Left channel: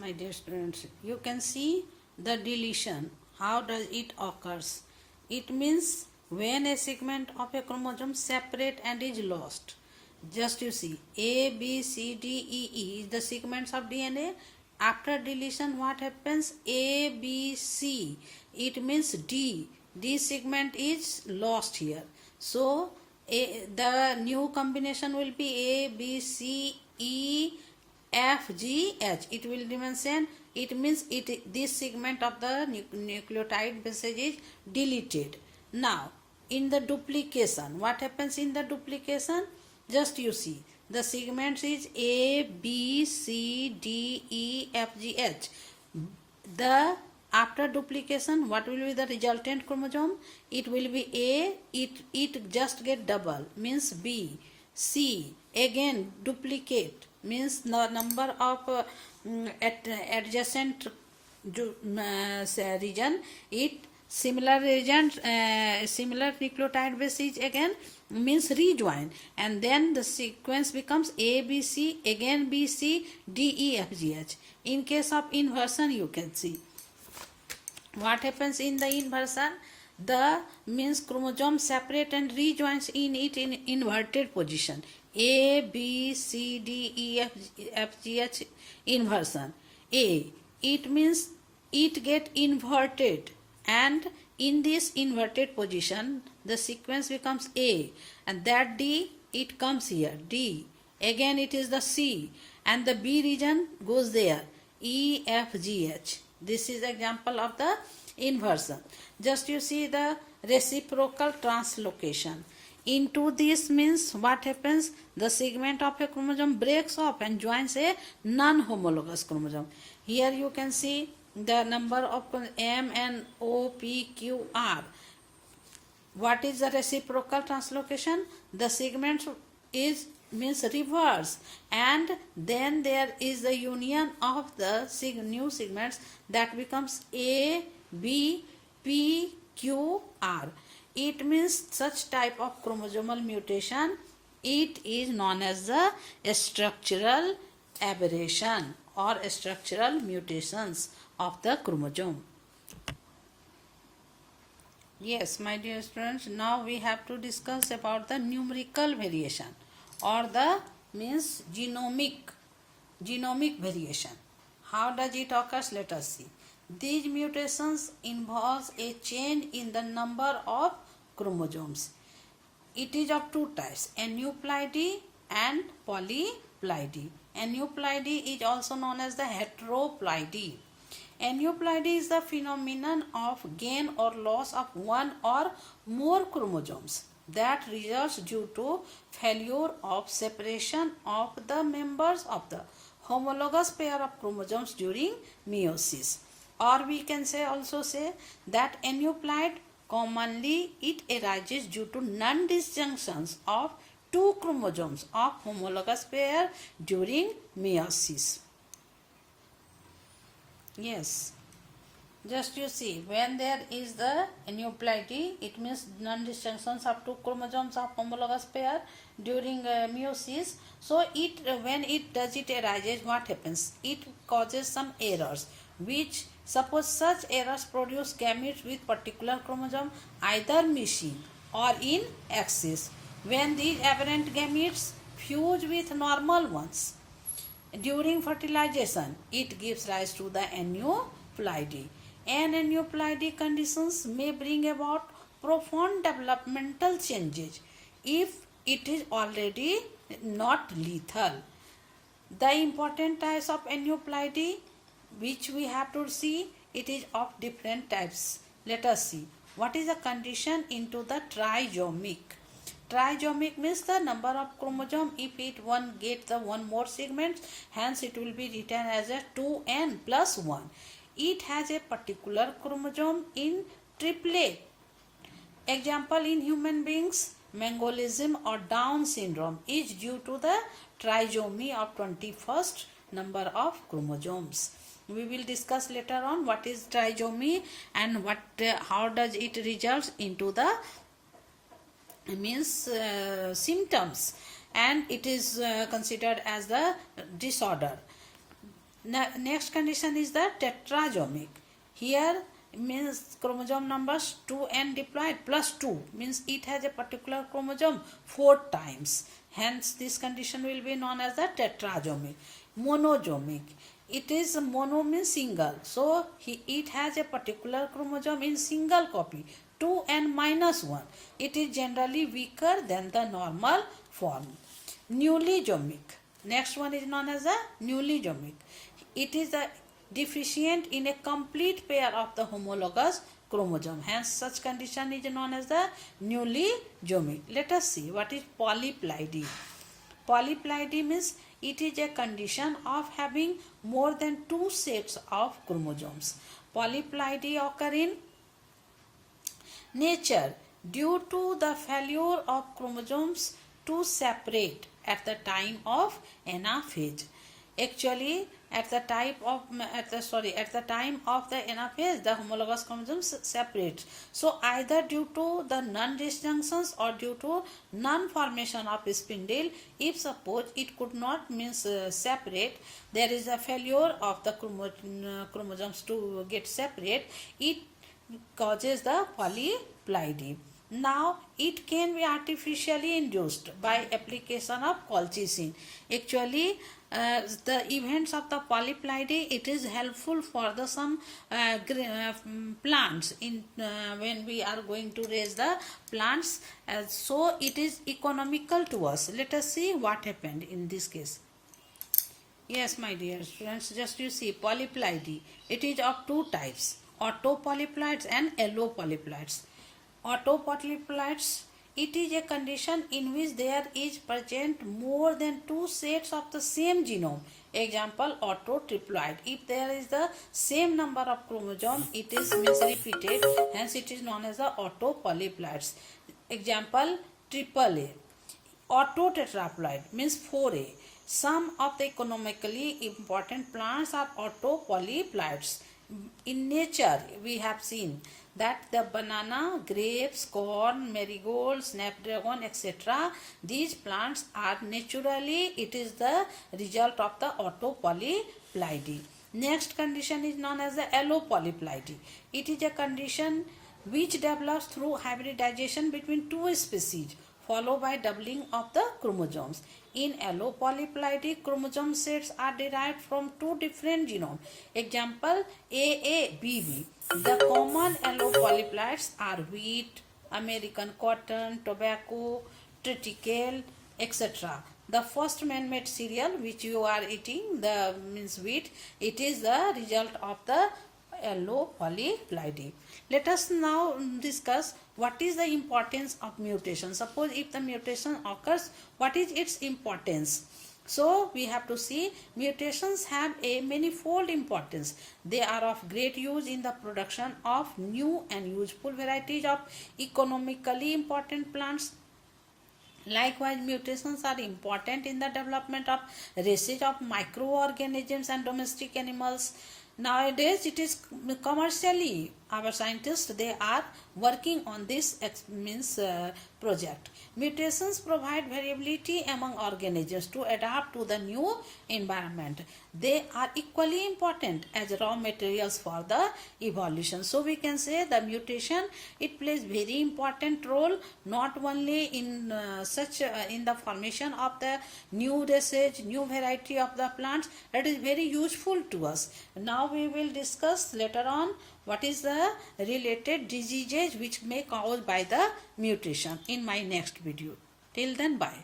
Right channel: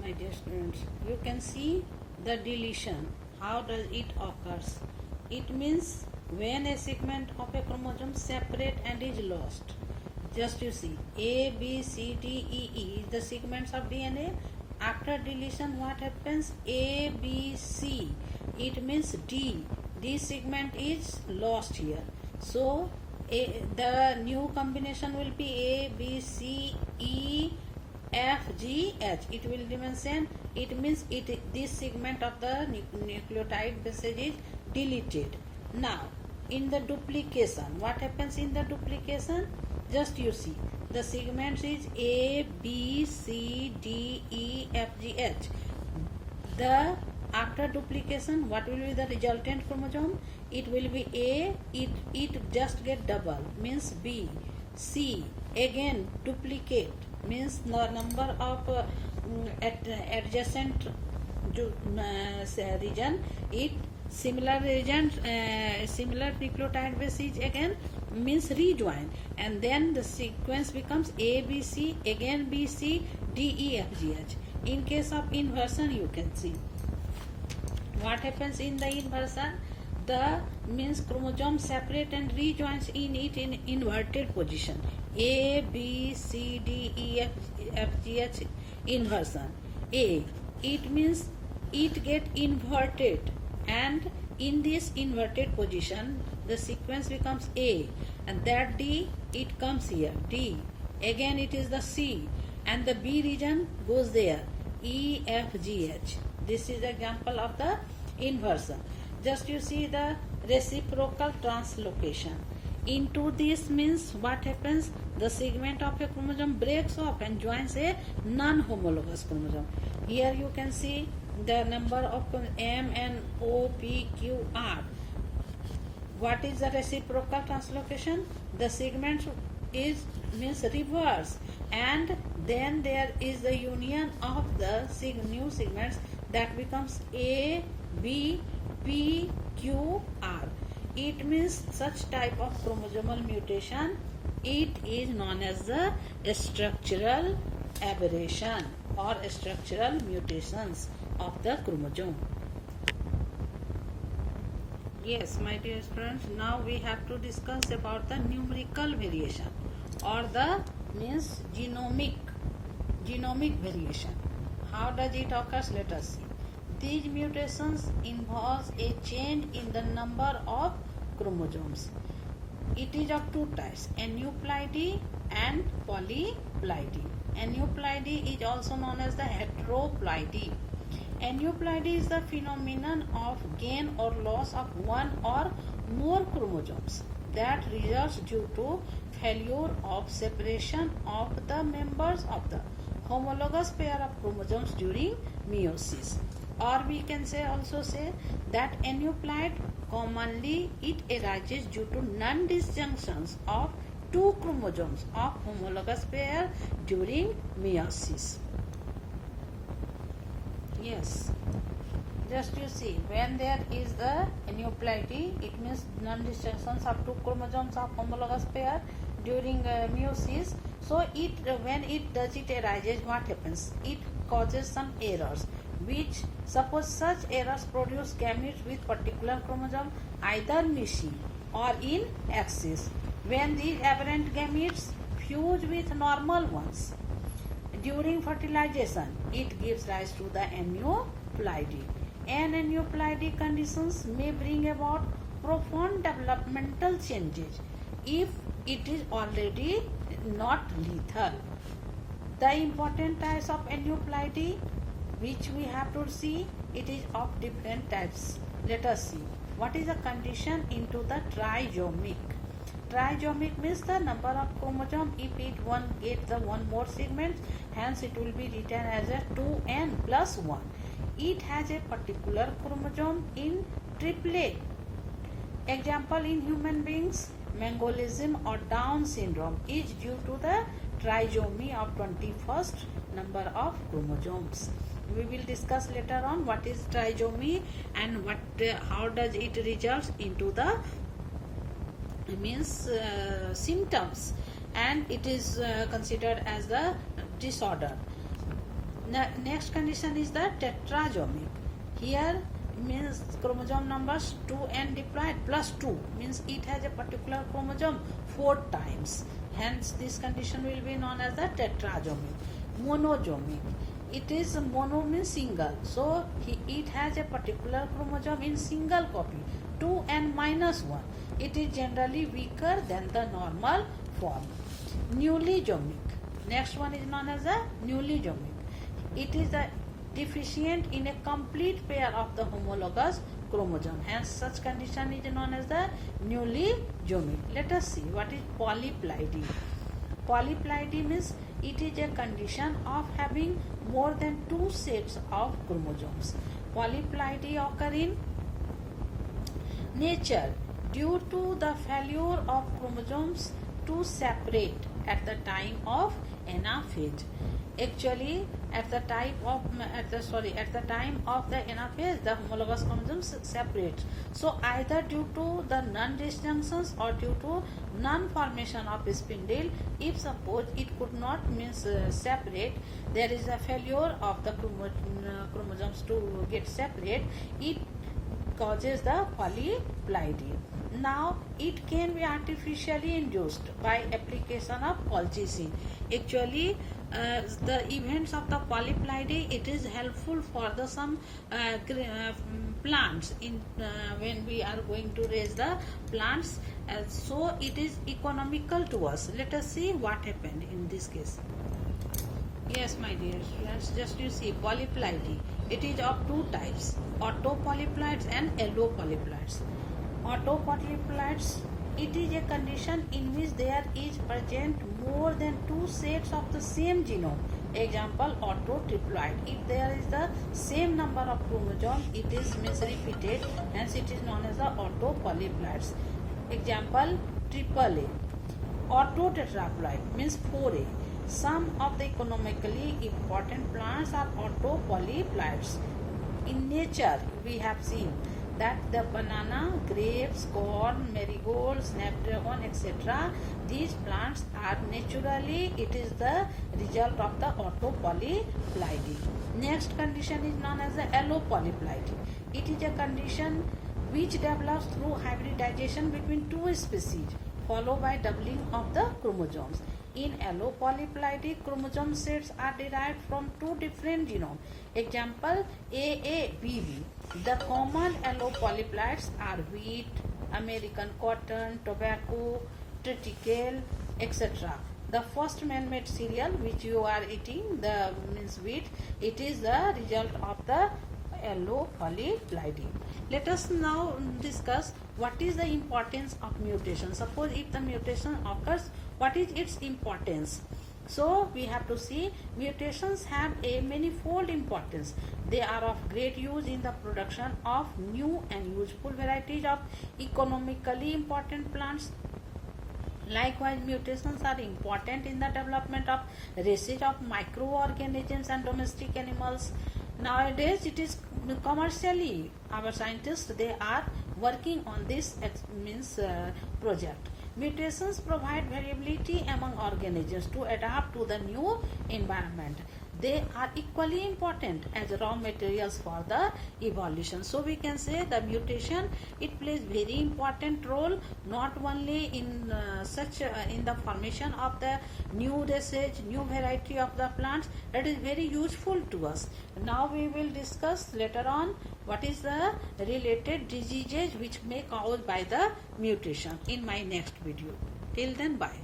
my dear students, you can see the deletion. How does it occurs? It means when a segment of a chromosome separate and is lost. Just you see, A, B, C, D, E, E is the segments of DNA. After deletion, what happens? A, B, C. It means D. D segment is lost here. So the new combination will be A, B, C, E, F, G, H. It will remain same. It means this segment of the nucleotide message is deleted. Now in the duplication, what happens in the duplication? Just you see, the segments is A, B, C, D, E, F, G, H. The after duplication, what will be the resultant chromosome? It will be A. It just get double, means B. C again duplicate, means the number of adjacent region. It similar region, similar nucleotide bases again means rejoin, and then the sequence becomes A, B, C, again B, C, D, E, F, G, H. In case of inversion, you can see what happens in the inversion. The means chromosome separate and rejoins in it in inverted position. A, B, C, D, E, F, G, H inversion. A, it means it get inverted, and in this inverted position the sequence becomes A, and that D it comes here, D, again it is the C, and the B region goes there, E, F, G, H. This is example of the inversion. Just you see the reciprocal translocation. Into this means what happens? The segment of a chromosome breaks off and joins a non-homologous chromosome. Here you can see the number of M, N, O, P, Q, R. What is the reciprocal translocation? The segment is means reverse, and then there is the union of the new segments that becomes A, B, P, Q, R. It means such type of chromosomal mutation, it is known as the structural aberration or structural mutations of the chromosome. Yes, my dear students, now we have to discuss about the numerical variation or the means genomic variation. How does it occurs? Let us see. These mutations involves a change in the number of chromosomes. It is of two types, aneuploidy and polyploidy. Aneuploidy is also known as the heteroploidy. Aneuploidy is the phenomenon of gain or loss of one or more chromosomes that results due to failure of separation of the members of the homologous pair of chromosomes during meiosis. Or we can also say that aneuploid commonly it arises due to non-disjunctions of two chromosomes of homologous pair during meiosis. Yes, just you see, when there is the aneuploidy, it means non-disjunctions of two chromosomes of homologous pair during meiosis. So when it arises, what happens? It causes some errors, which suppose such errors produce gametes with particular chromosome either missing or in excess. When these aberrant gametes fuse with normal ones during fertilization, it gives rise to the aneuploidy. And aneuploidy conditions may bring about profound developmental changes if it is already not lethal. The important types of aneuploidy which we have to see, it is of different types. Let us see. What is the condition into the trisomic? Trisomic means the number of chromosome. If it one get the one more segment, hence it will be written as a 2n plus 1. It has a particular chromosome in triplet. Example in human beings, Mengelism or Down syndrome is due to the trisomy of 21st number of chromosomes. We will discuss later on what is trisomy and how does it results into the means symptoms, and it is considered as the disorder. Next condition is the tetrasomic. Here means chromosome numbers 2n diploid plus 2 means it has a particular chromosome 4 times. Hence this condition will be known as the tetrasomic. Monosomic. It is mono means single. So it has a particular chromosome in single copy 2n minus 1. It is generally weaker than the normal form. Newlysomic. Next one is known as a newlysomic. It is a deficient in a complete pair of the homologous chromosome. Hence, such condition is known as the newlysomic. Let us see what is polyploidy. Polyploidy means it is a condition of having more than 2 sets of chromosomes. Polyploidy occur in nature due to the failure of chromosomes to separate at the time of anaphase. Actually, at the time of the anaphase, the homologous chromosomes separate. So either due to the non-disjunctions or due to non-formation of spindle, if suppose it could not means separate, there is a failure of the chromosomes to get separate. It causes the polyploidy. Now it can be artificially induced by application of colchicine. Actually, the events of the polyploidy, it is helpful for the some plants in when we are going to raise the plants. So it is economical to us. Let us see what happened in this case. Yes, my dear students, just you see polyploidy. It is of 2 types: autopolyploids and allopolyploids. Autopolyploids, it is a condition in which there is present more than 2 sets of the same genome. Example, autotriploid. If there is the same number of chromosomes, it is means repeated, hence it is known as the autopolyploids. Example, AAA. Autotetraploid means 4A. Some of the economically important plants are autopolyploids. In nature, we have seen that the banana, grapes, corn, marigold, snapdragon, etc. these plants are naturally, it is the result of the autopolyploidy. Next condition is known as the allopolyploidy. It is a condition which develops through hybridization between 2 species followed by doubling of the chromosomes. In allopolyploidy, chromosome sets are derived from 2 different genomes. Example, AABB. The common allopolyploids are wheat, American cotton, tobacco, triticale, etc. The first man-made cereal which you are eating, the means wheat, it is the result of the allopolyploidy. Let us now discuss what is the importance of mutation. Suppose if the mutation occurs, what is its importance? So we have to see mutations have a manifold importance. They are of great use in the production of new and useful varieties of economically important plants. Likewise, mutations are important in the development of races of microorganisms and domestic animals. Nowadays, it is commercially, our scientists, they are working on this project. Mutations provide variability among organisms to adapt to the new environment. They are equally important as raw materials for the evolution. So we can say the mutation, it plays very important role not only in in the formation of the new races, new variety of the plants. It is very useful to us. Now we will discuss later on what is the related diseases which may caused by the mutation in my next video. Till then, bye.